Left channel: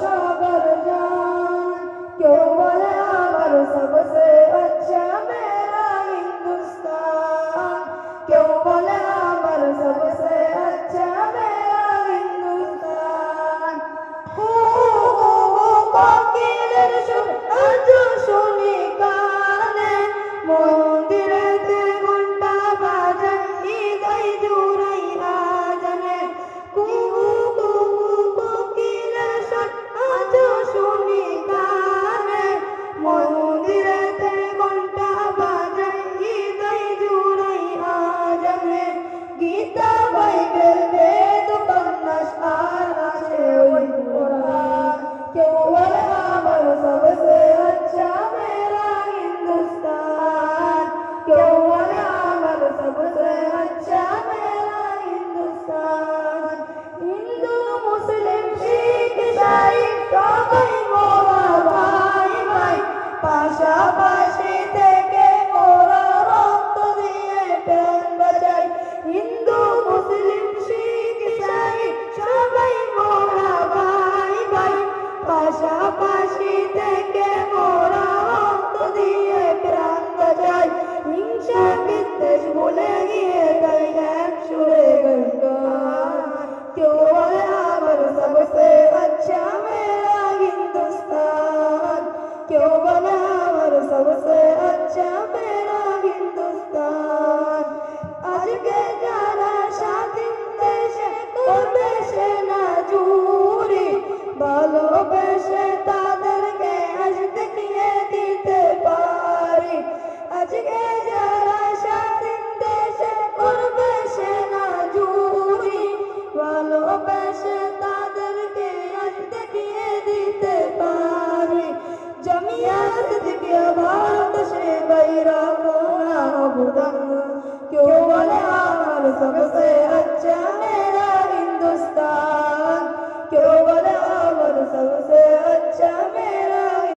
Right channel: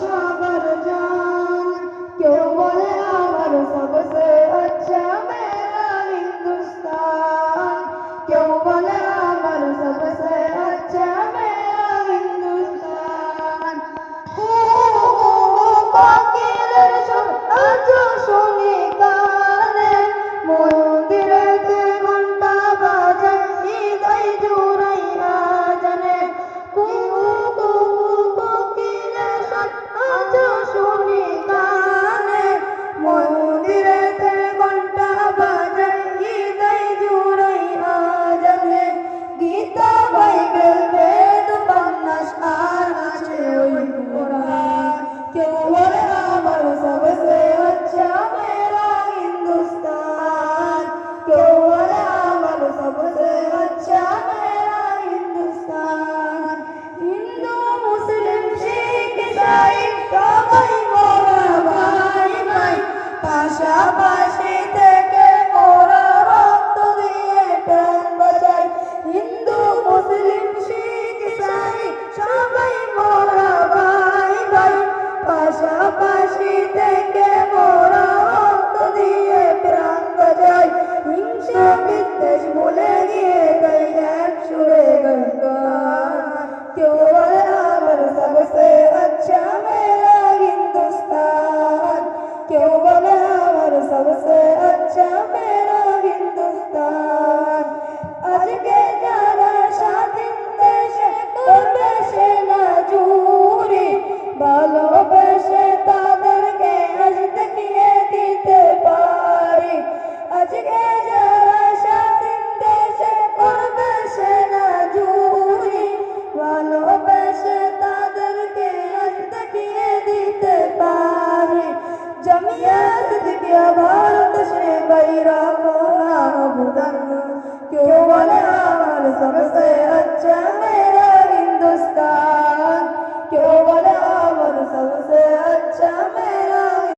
सबर जान। क्यों बोले अमर सबसे अच्छा मेरा हिंदुस्तान, क्यों बोले अमर सबसे अच्छा मेरा हिंदुस्तान। কোকিলের সুর আজ শুনি কানে, মন্দিরেতে ঘন্টা বাজে হৃদয় জুড়াই আজানে। কোকিলের সুর আজ শুনি কানে, মন্দিরেতে ঘন্টা বাজে হৃদয় জুড়াই আজানে। গীতা বাইবেল বেদ উপন্যাস আর আছে ওই কোরআন। क्यों बोले अमर सबसे अच्छा मेरा हिंदुस्तान, क्यों बोले अमर सबसे अच्छा मेरा हिंदुस्तान। हिंदू मुस्लिम शिख ईसाई সবাই মোরা ভাই ভাই, পাশাপাশি থেকে মোরা রক্ত দিয়ে প্রাণ বাঁচাই। হিন্দু মুসলিম শিখ ईसाई সবাই মোরা ভাই ভাই, পাশাপাশি থেকে মোরা রক্ত দিয়ে প্রাণ বাঁচাই। হিংসা বিদ্বেষ ভুলে গিয়ে গাই এক সুরে গান। क्यों बोले अमर सबसे अच्छा मेरा हिंदुस्तान, क्यों बोले अमर सबसे अच्छा मेरा हिंदुस्तान। আজকে যারা স্বাধীন দেশে করবে সেনা জুরি, ভালোবেসে তার